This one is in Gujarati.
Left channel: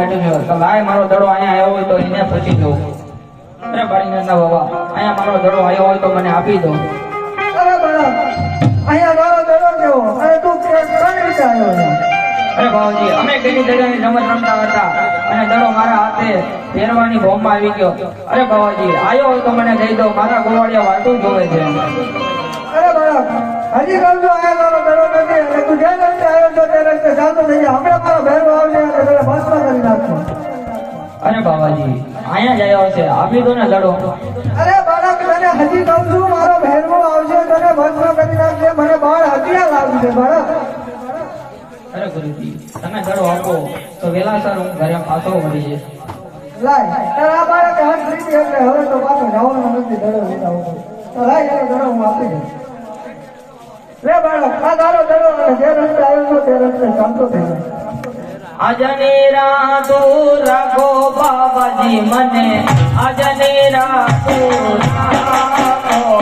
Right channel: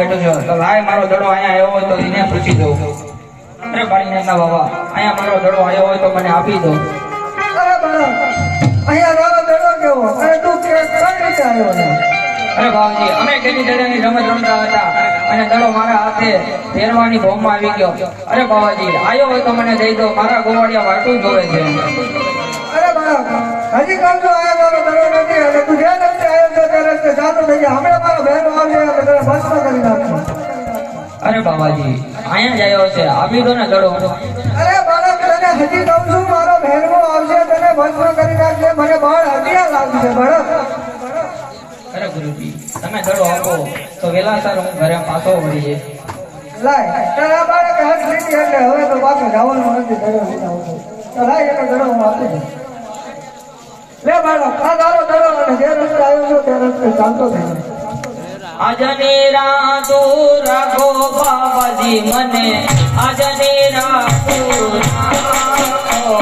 બેઠો છો તો લાય મારો દડો અહીંયા આવ્યો હોય તો એને પૂછી દો. અરે બાળીને ના બાબા અહીંયા મારો દડો આવ્યો હોય તો મને આપી દો. અરે બાળક અહીંયા તારો દડો કેવો? અરે તું કઈ રીતે આવ્યો છે? અરે બાબુજી અમે ટેડી દડિયાની રમત રમતા હતા અને દડો મારા હાથે ફેરવાની બોમ્બમાં આવી ગયો. અરે બાબાજી આવ્યો હોય તો મને દઈ દો, મારા ગોવાળિયા વાટું જોવે છે. અરે બાળક હજી કામ તો આયા તારો દડો નથી અને તું જે રસ્તે આવ્યો છો તે રસ્તે જાતો થઈ જાય. હમણાં મારો બહેનો આવશે અને તને ભસ્મ કરી નાખશે. અરે બાબાજી અહીંયા જ આવ્યો છે, આપી દો ને દડો. અરે બાળક તને હજી કહું છું મારો બહેનો આવશે તને ભસ્મ કરી નાખશે. મને બાળ હત્યા લાગશે બાળક. અરે ગુરુજી તમે દડો આપો તો વેલાસર હું ઘરે પાછો વળી જઈશ. લાય તારા બાળક હાથ લીધી એટલે હવે તો પાછો જવાનું નથી. દડો લીધા વગર તો લાય એને દડો હું આપી દઉં. લે બાળક આ તારો દડો અને જે રસ્તે આવ્યો છો તે રસ્તે ચાલતો થઈ જાય. આજની રાતો રાખો બાબાજી મને, આજની રાતો રાખો.